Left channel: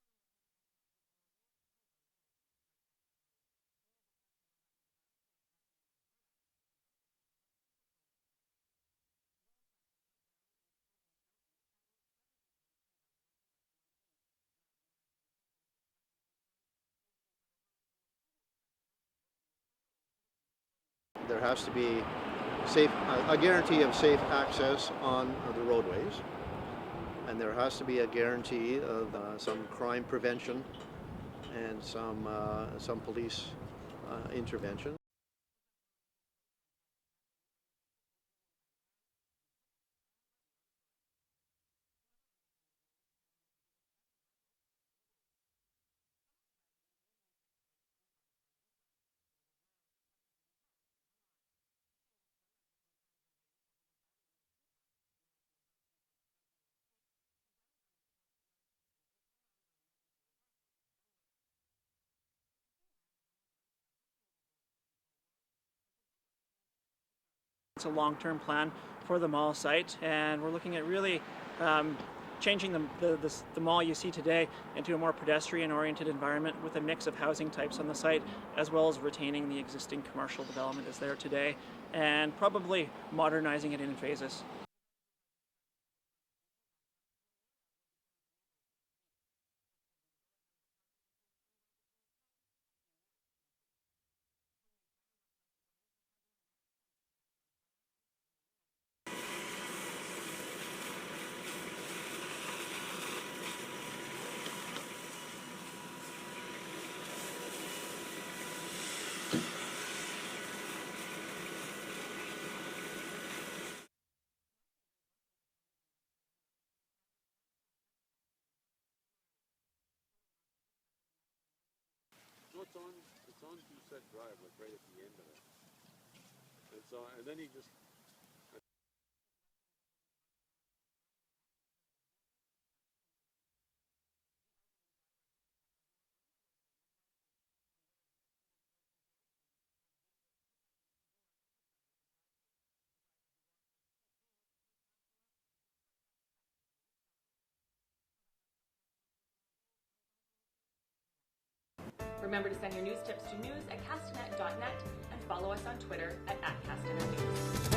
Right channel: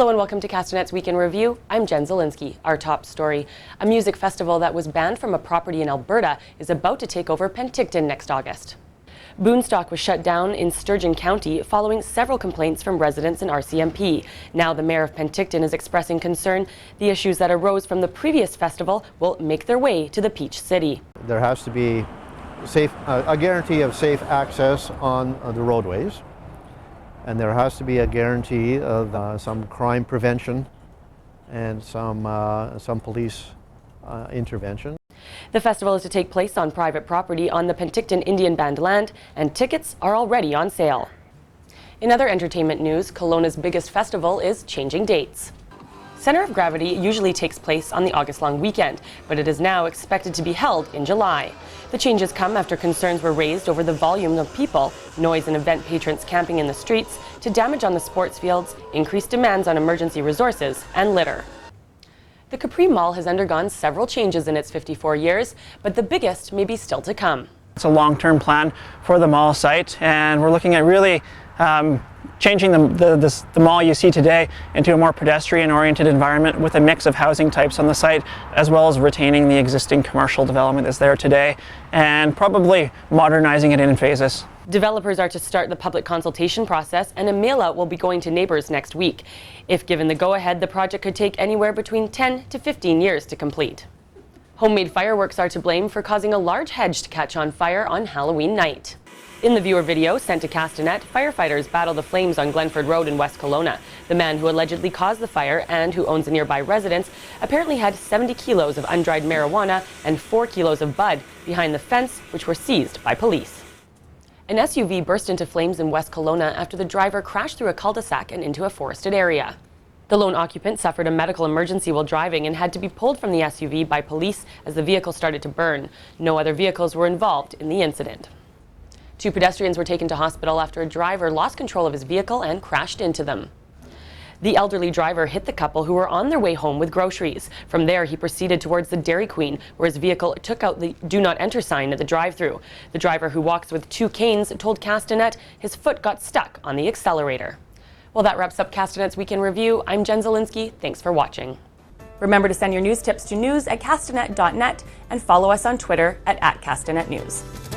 Hello and welcome to Castanet's Week in Review. I'm Jen Zielinski. Our top story: a music festival that was banned from a property in Alberta is about to take over Penticton next August. Boonstock was shut down in Sturgeon County following several complaints from residents and RCMP. Now the mayor of Penticton is expressing concern the issues that arose from the previous festival will make their way to the Peach City. There has to be a guarantee of safe access on the roadways, and there has to be a guarantee of some crime prevention and some police intervention. The festival is to take place on private property on the Penticton Indian Band land, and tickets are already on sale. In other entertainment news, Kelowna's biggest festival is changing dates. Center of Gravity usually takes place on the August-long weekend, but it is now expected to be held in July. The changes come after concerns were raised over the volume of people, noise and event patrons camping in the streets, to damage on the sports fields, increased demands on emergency resources, and litter. The Capri Mall has undergone several changes in its 54 years, but the biggest may be still to come. It's a long-term plan for the mall site, and we're looking at really changing the mall you see today into a more pedestrian-oriented environment with a mix of housing types on the site, as well as retaining the existing commercial development that's there today, and probably modernizing it in phases. Developers are to start the public consultation process, and a mail-out will be going to neighbors next week. If given the go-ahead, the project could take anywhere between 10 to 15 years to complete. Homemade fireworks are to blame for causing a large hedge to catch on fire on Halloween night. In the viewer video sent to Castanet, firefighters battle the flames on Glenford Road in West Kelowna. The man who allegedly caused the fire and who owns a nearby residence apparently had 70 kilos of undried marijuana and 4 kilos of bud behind the fence, which were seized by police. An SUV burst into flames in West Kelowna after the driver crashed through a cul-de-sac and into a forested area. The lone occupant suffered a medical emergency while driving and had to be pulled from the SUV by police as the vehicle started to burn. No other vehicles were involved in the incident. 2 pedestrians were taken to hospital after a driver lost control of his vehicle and crashed into them. The elderly driver hit the couple who were on their way home with groceries. From there, he proceeded towards the Dairy Queen, where his vehicle took out the "Do Not Enter" sign at the drive-thru. The driver, who walks with 2 canes, told Castanet his foot got stuck on the accelerator. Well, that wraps up Castanet's Week in Review. I'm Jen Zielinski. Thanks for watching. Remember to send your news tips to news@castanet.net and follow us on Twitter @CastanetNews.